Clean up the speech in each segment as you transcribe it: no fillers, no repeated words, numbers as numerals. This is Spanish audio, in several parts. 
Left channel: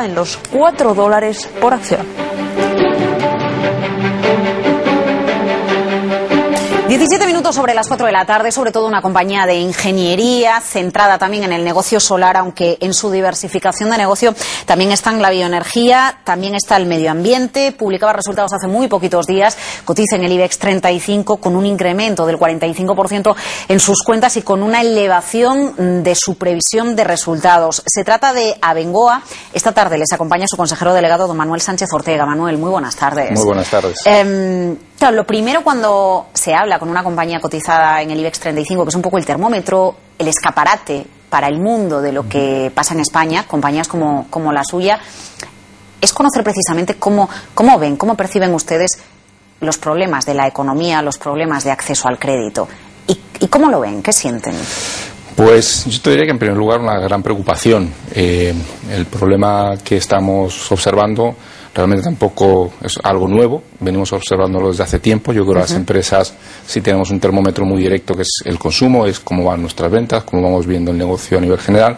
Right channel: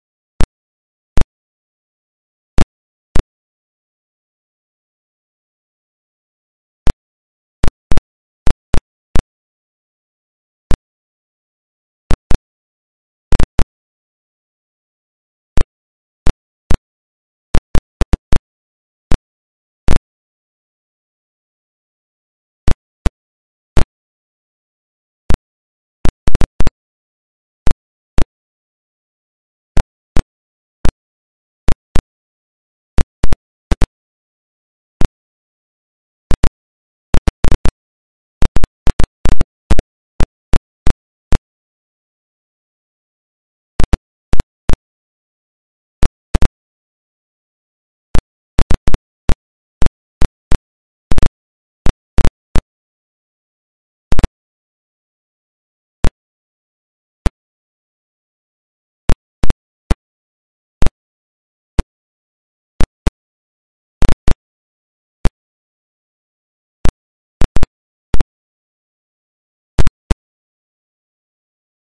en los $4 por acción. 17 minutos sobre las 4 de la tarde, sobre todo una compañía de ingeniería centrada también en el negocio solar, aunque en su diversificación de negocio también está en la bioenergía, también está el medio ambiente. Publicaba resultados hace muy poquitos días, cotiza en el IBEX 35 con un incremento del 45% en sus cuentas y con una elevación de su previsión de resultados. Se trata de Abengoa. Esta tarde les acompaña su consejero delegado, don Manuel Sánchez Ortega. Manuel, muy buenas tardes. Muy buenas tardes. Claro, lo primero cuando se habla con una compañía cotizada en el IBEX 35, que es un poco el termómetro, el escaparate para el mundo de lo que pasa en España, compañías como la suya, es conocer precisamente cómo ven, cómo perciben ustedes los problemas de la economía, los problemas de acceso al crédito. ¿Y cómo lo ven? ¿Qué sienten? Pues yo te diría que en primer lugar una gran preocupación. El problema que estamos observando realmente tampoco es algo nuevo, venimos observándolo desde hace tiempo. Yo creo que las empresas sí tenemos un termómetro muy directo, que es el consumo, es cómo van nuestras ventas, cómo vamos viendo el negocio a nivel general,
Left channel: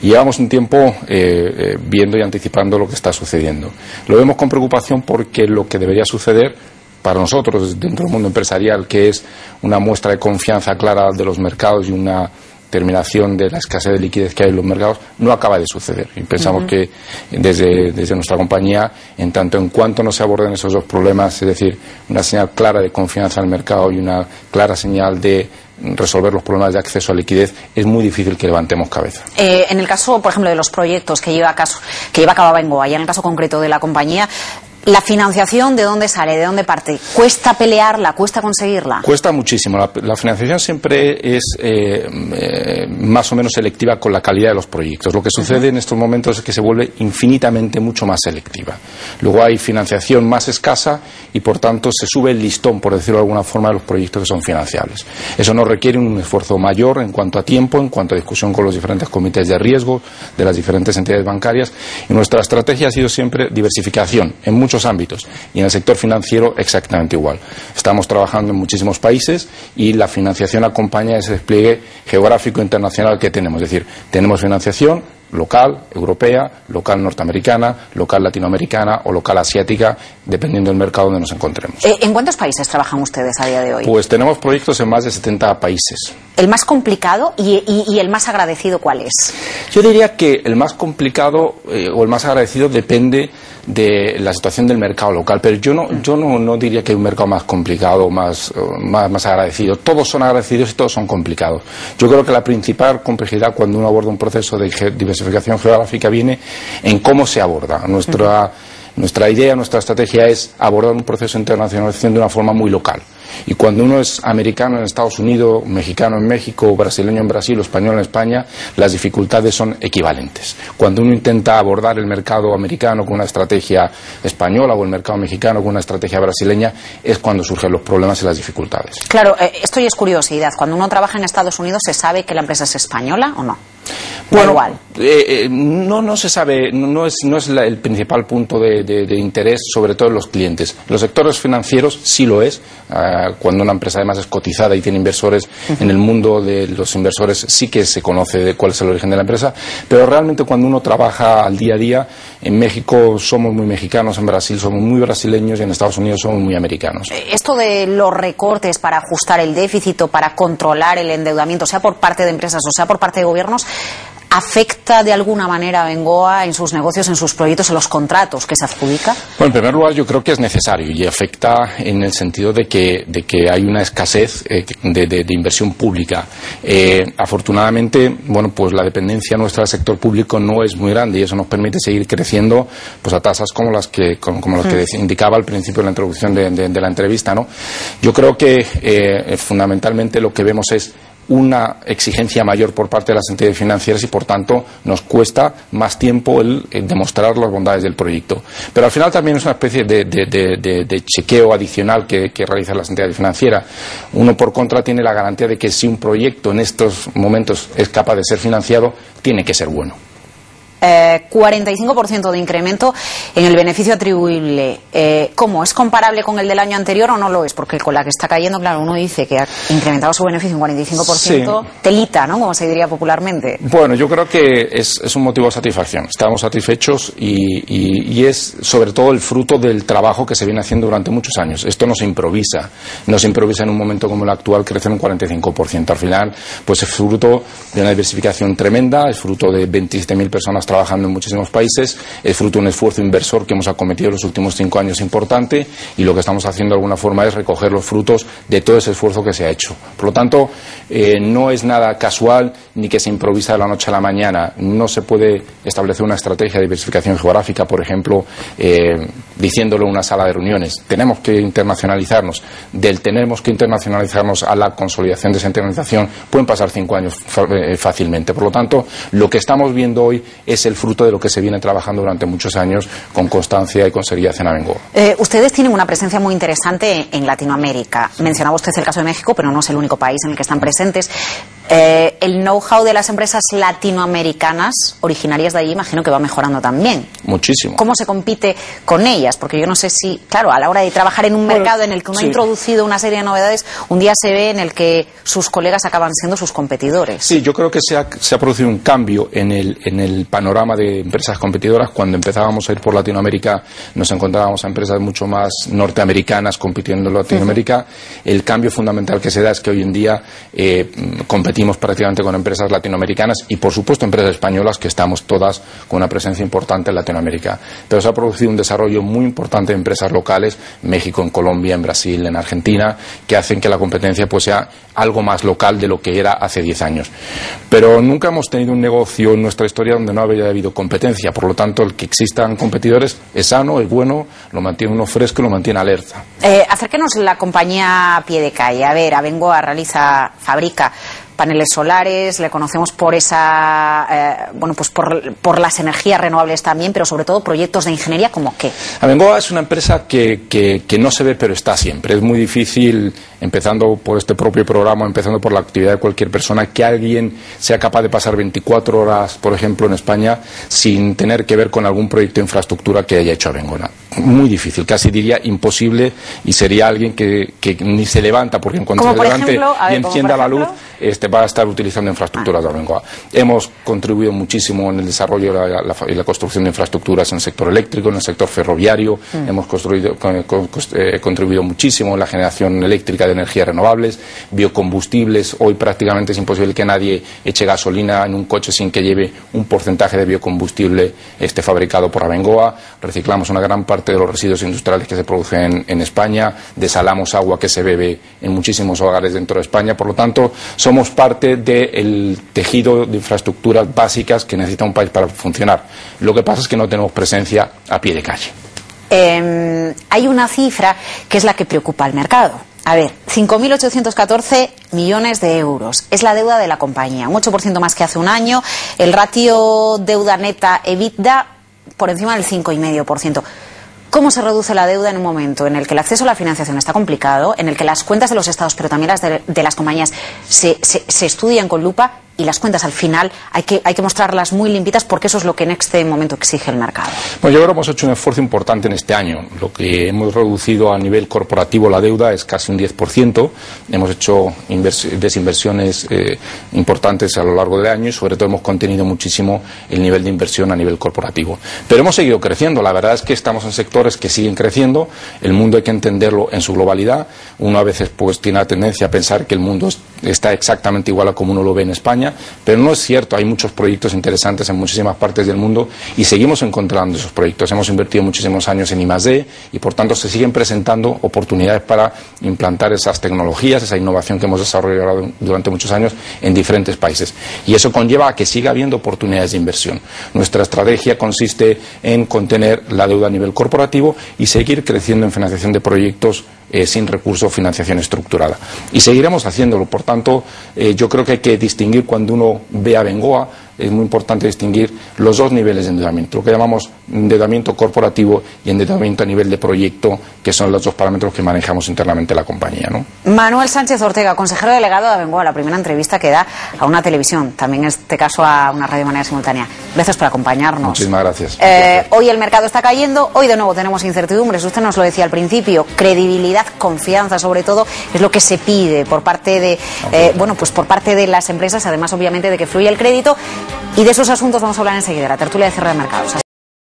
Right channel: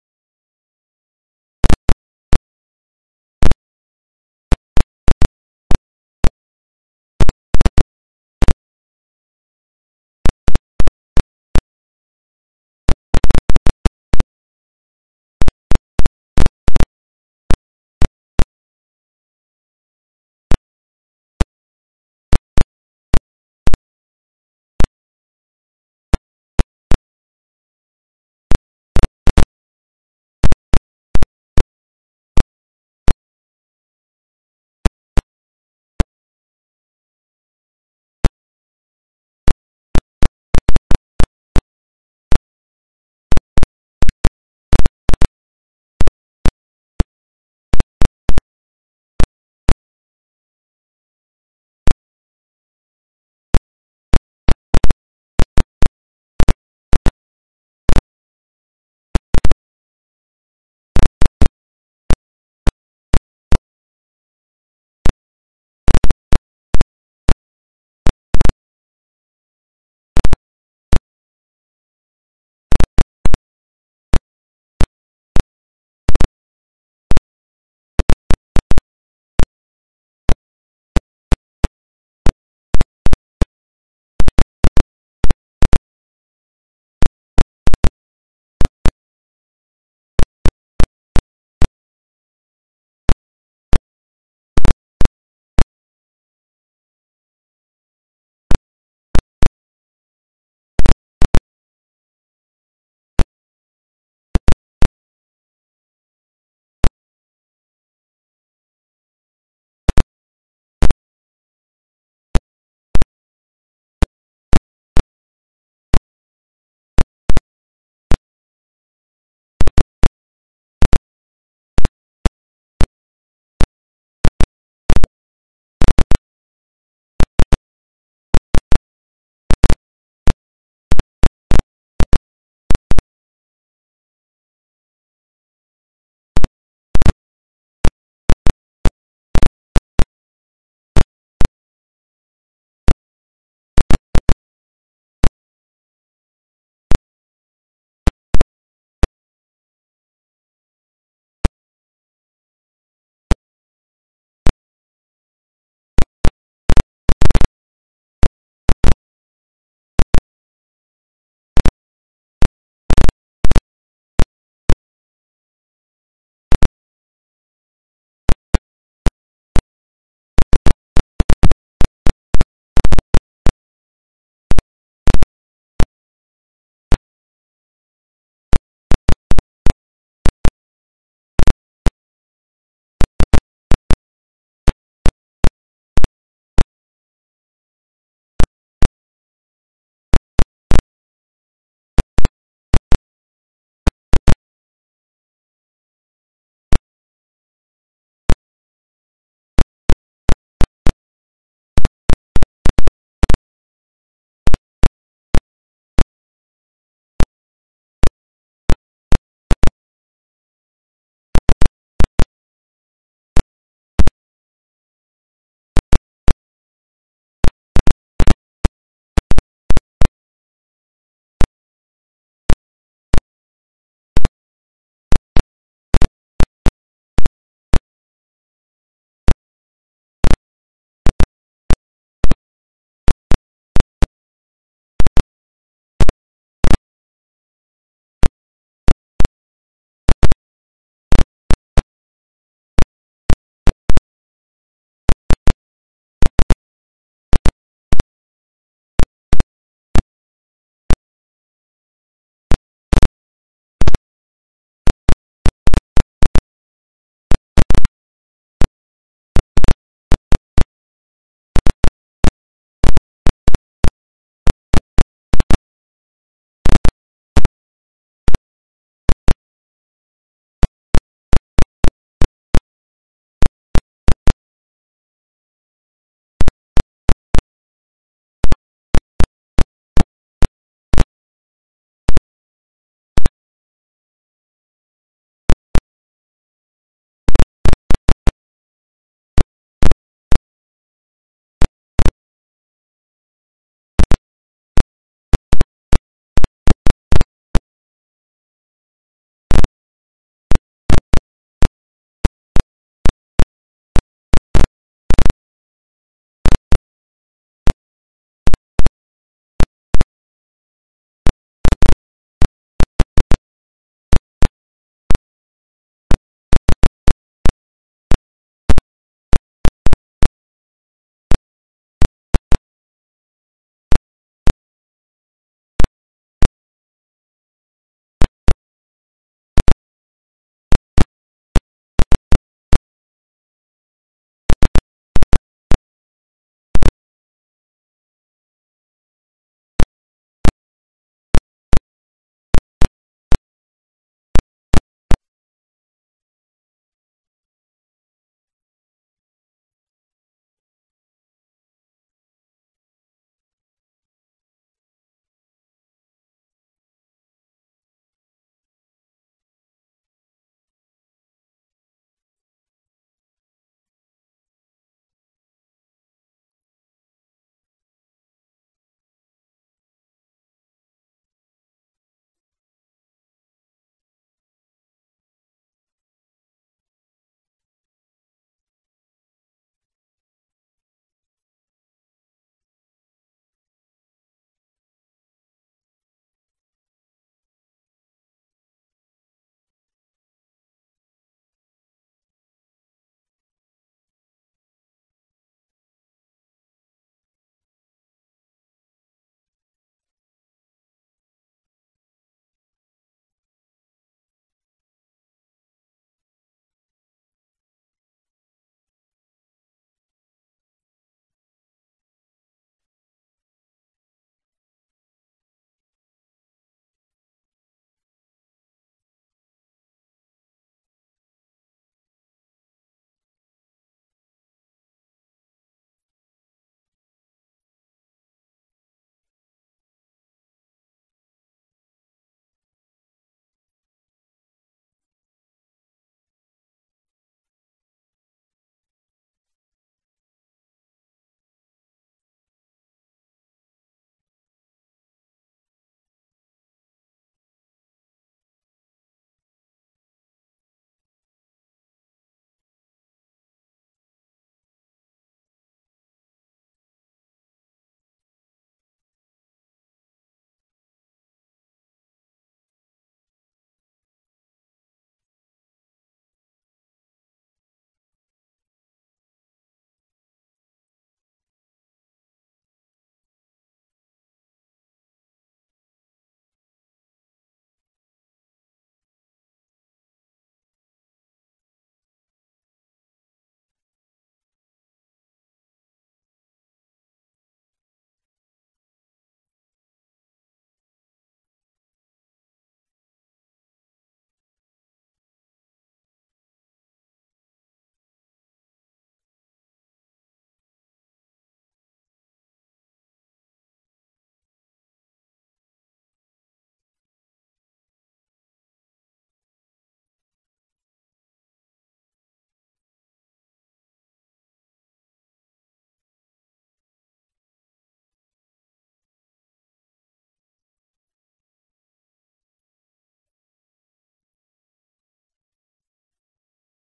y llevamos un tiempo viendo y anticipando lo que está sucediendo. Lo vemos con preocupación porque lo que debería suceder para nosotros dentro del mundo empresarial, que es una muestra de confianza clara de los mercados y una terminación de la escasez de liquidez que hay en los mercados, no acaba de suceder. Y pensamos que desde nuestra compañía, en tanto en cuanto no se aborden esos dos problemas, es decir, una señal clara de confianza en el mercado y una clara señal de resolver los problemas de acceso a liquidez, es muy difícil que levantemos cabeza. En el caso, por ejemplo, de los proyectos que lleva a cabo Abengoa, y en el caso concreto de la compañía, ¿la financiación de dónde sale, de dónde parte? ¿Cuesta pelearla, cuesta conseguirla? Cuesta muchísimo. La financiación siempre es más o menos selectiva con la calidad de los proyectos. Lo que sucede en estos momentos es que se vuelve infinitamente mucho más selectiva. Luego hay financiación más escasa y por tanto se sube el listón, por decirlo de alguna forma, de los proyectos que son financiables. Eso nos requiere un esfuerzo mayor en cuanto a tiempo, en cuanto a discusión con los diferentes comités de riesgo de las diferentes entidades bancarias, y nuestra estrategia ha sido siempre diversificación en muchos ámbitos, y en el sector financiero exactamente igual. Estamos trabajando en muchísimos países y la financiación acompaña ese despliegue geográfico internacional que tenemos. Es decir, tenemos financiación local, europea, local norteamericana, local latinoamericana o local asiática, dependiendo del mercado donde nos encontremos. ¿En cuántos países trabajan ustedes a día de hoy? Pues tenemos proyectos en más de 70 países. ¿El más complicado y el más agradecido cuál es? Yo diría que el más complicado o el más agradecido depende de la situación del mercado local, pero yo no diría que hay un mercado más complicado, más agradecido. Todos son agradecidos y todos son complicados. Yo creo que la principal complejidad cuando uno aborda un proceso de diversificación geográfica viene en cómo se aborda. Nuestra idea, nuestra estrategia es abordar un proceso de internacionalización de una forma muy local. Y cuando uno es americano en Estados Unidos, mexicano en México, brasileño en Brasil o español en España, las dificultades son equivalentes. Cuando uno intenta abordar el mercado americano con una estrategia española o el mercado mexicano con una estrategia brasileña, es cuando surgen los problemas y las dificultades. Claro, esto ya es curiosidad. Cuando uno trabaja en Estados Unidos, ¿se sabe que la empresa es española o no? Bueno, igual. No se sabe, no es el principal punto de interés, sobre todo en los clientes. Los sectores financieros sí lo es. Cuando una empresa además es cotizada y tiene inversores, en el mundo de los inversores sí que se conoce de cuál es el origen de la empresa, pero realmente cuando uno trabaja al día a día, en México somos muy mexicanos, en Brasil somos muy brasileños y en Estados Unidos somos muy americanos. Esto de los recortes para ajustar el déficit o para controlar el endeudamiento, sea por parte de empresas o sea por parte de gobiernos, ¿afecta de alguna manera a Abengoa en sus negocios, en sus proyectos, en los contratos que se adjudica? Bueno, en primer lugar yo creo que es necesario y afecta en el sentido de que hay una escasez de inversión pública. Afortunadamente, bueno, pues la dependencia nuestra del sector público no es muy grande y eso nos permite seguir creciendo pues a tasas como las que indicaba al principio de la introducción de la entrevista, ¿no? Yo creo que fundamentalmente lo que vemos es una exigencia mayor por parte de las entidades financieras y por tanto nos cuesta más tiempo el demostrar las bondades del proyecto. Pero al final también es una especie de chequeo adicional que realizan las entidades financieras. Uno por contra tiene la garantía de que si un proyecto en estos momentos es capaz de ser financiado, tiene que ser bueno. 45% de incremento en el beneficio atribuible. ¿Cómo? ¿Es comparable con el del año anterior o no lo es? Porque con la que está cayendo, claro, uno dice que ha incrementado su beneficio un 45%, sí. Telita, ¿no? Como se diría popularmente. Bueno, yo creo que es un motivo de satisfacción. Estamos satisfechos y es sobre todo el fruto del trabajo que se viene haciendo durante muchos años. Esto no se improvisa en un momento como el actual crecer un 45%. Al final, pues es fruto de una diversificación tremenda, es fruto de 27.000 personas trabajando en muchísimos países, es fruto de un esfuerzo inversor que hemos acometido en los últimos 5 años importante, y lo que estamos haciendo de alguna forma es recoger los frutos de todo ese esfuerzo que se ha hecho. Por lo tanto, no es nada casual ni que se improvisa de la noche a la mañana. No se puede establecer una estrategia de diversificación geográfica, por ejemplo, diciéndolo en una sala de reuniones. Tenemos que internacionalizarnos. Tenemos que internacionalizarnos a la consolidación de esa internacionalización pueden pasar 5 años fácilmente. Por lo tanto, lo que estamos viendo hoy es el fruto de lo que se viene trabajando durante muchos años con constancia y con seriedad en Abengoa. Ustedes tienen una presencia muy interesante en Latinoamérica. Mencionaba usted el caso de México, pero no es el único país en el que están presentes. El know-how de las empresas latinoamericanas originarias de allí, imagino que va mejorando también. Muchísimo. ¿Cómo se compite con ellas? Porque yo no sé si, claro, a la hora de trabajar en un mercado en el que uno ha introducido una serie de novedades, un día se ve en el que sus colegas acaban siendo sus competidores. Sí, yo creo que se ha producido un cambio en el panorama de empresas competidoras. Cuando empezábamos a ir por Latinoamérica, nos encontrábamos a empresas mucho más norteamericanas compitiendo en Latinoamérica. El cambio fundamental que se da es que hoy en día competimos prácticamente con empresas latinoamericanas y, por supuesto, empresas españolas, que estamos todas con una presencia importante en Latinoamérica. Pero se ha producido un desarrollo muy importante de empresas locales, en México, en Colombia, en Brasil, en Argentina, que hacen que la competencia pues sea algo más local de lo que era hace 10 años. Pero nunca hemos tenido un negocio en nuestra historia donde no haya habido competencia. Por lo tanto, el que existan competidores es sano, es bueno, lo mantiene uno fresco y lo mantiene alerta. Acérquenos la compañía a pie de calle. A ver, Abengoa fabrica paneles solares, le conocemos por esa, pues por las energías renovables también, pero sobre todo proyectos de ingeniería, ¿como qué? Abengoa es una empresa que no se ve, pero está siempre. Es muy difícil, empezando por este propio programa, empezando por la actividad de cualquier persona, que alguien sea capaz de pasar 24 horas, por ejemplo, en España, sin tener que ver con algún proyecto de infraestructura que haya hecho Abengoa. Muy difícil, casi diría imposible, y sería alguien que ni se levanta, porque en cuanto se levante y encienda la luz, va a estar utilizando infraestructuras de Abengoa. Hemos contribuido muchísimo en el desarrollo y la construcción de infraestructuras en el sector eléctrico, en el sector ferroviario. Hemos contribuido muchísimo en la generación eléctrica de energías renovables, biocombustibles. Hoy prácticamente es imposible que nadie eche gasolina en un coche sin que lleve un porcentaje de biocombustible fabricado por Abengoa. Reciclamos una gran parte de los residuos industriales que se producen en España. Desalamos agua que se bebe en muchísimos hogares dentro de España. Por lo tanto, somos parte del tejido de infraestructuras básicas que necesita un país para funcionar. Lo que pasa es que no tenemos presencia a pie de calle. Hay una cifra que es la que preocupa al mercado. A ver, 5.814 millones de euros. Es la deuda de la compañía, un 8% más que hace un año. El ratio deuda neta EBITDA por encima del 5,5%. ¿Cómo se reduce la deuda en un momento en el que el acceso a la financiación está complicado, en el que las cuentas de los estados, pero también las de las compañías, se estudian con lupa y las cuentas al final hay que mostrarlas muy limpitas, porque eso es lo que en este momento exige el mercado? Bueno, yo creo que hemos hecho un esfuerzo importante en este año. Lo que hemos reducido a nivel corporativo la deuda es casi un 10%. Hemos hecho desinversiones importantes a lo largo del año y sobre todo hemos contenido muchísimo el nivel de inversión a nivel corporativo. Pero hemos seguido creciendo. La verdad es que estamos en sectores que siguen creciendo. El mundo hay que entenderlo en su globalidad. Uno a veces pues tiene la tendencia a pensar que el mundo está exactamente igual a como uno lo ve en España, pero no es cierto. Hay muchos proyectos interesantes en muchísimas partes del mundo y seguimos encontrando esos proyectos. Hemos invertido muchísimos años en I+D y por tanto se siguen presentando oportunidades para implantar esas tecnologías, esa innovación que hemos desarrollado durante muchos años en diferentes países, y eso conlleva a que siga habiendo oportunidades de inversión. Nuestra estrategia consiste en contener la deuda a nivel corporativo y seguir creciendo en financiación de proyectos sin recurso o financiación estructurada, y seguiremos haciéndolo. Por tanto, yo creo que hay que distinguir cuando uno ve a Abengoa es muy importante distinguir los dos niveles de endeudamiento, lo que llamamos endeudamiento corporativo y endeudamiento a nivel de proyecto, que son los dos parámetros que manejamos internamente la compañía, ¿no? Manuel Sánchez Ortega, consejero delegado de Abengoa, la primera entrevista que da a una televisión, también en este caso a una radio de manera simultánea. Gracias por acompañarnos. Muchísimas gracias. Hoy el mercado está cayendo, hoy de nuevo tenemos incertidumbres, usted nos lo decía al principio, credibilidad, confianza sobre todo, es lo que se pide por parte de, por parte de las empresas, además obviamente de que fluya el crédito, y de esos asuntos vamos a hablar enseguida, la tertulia de cierre de mercados.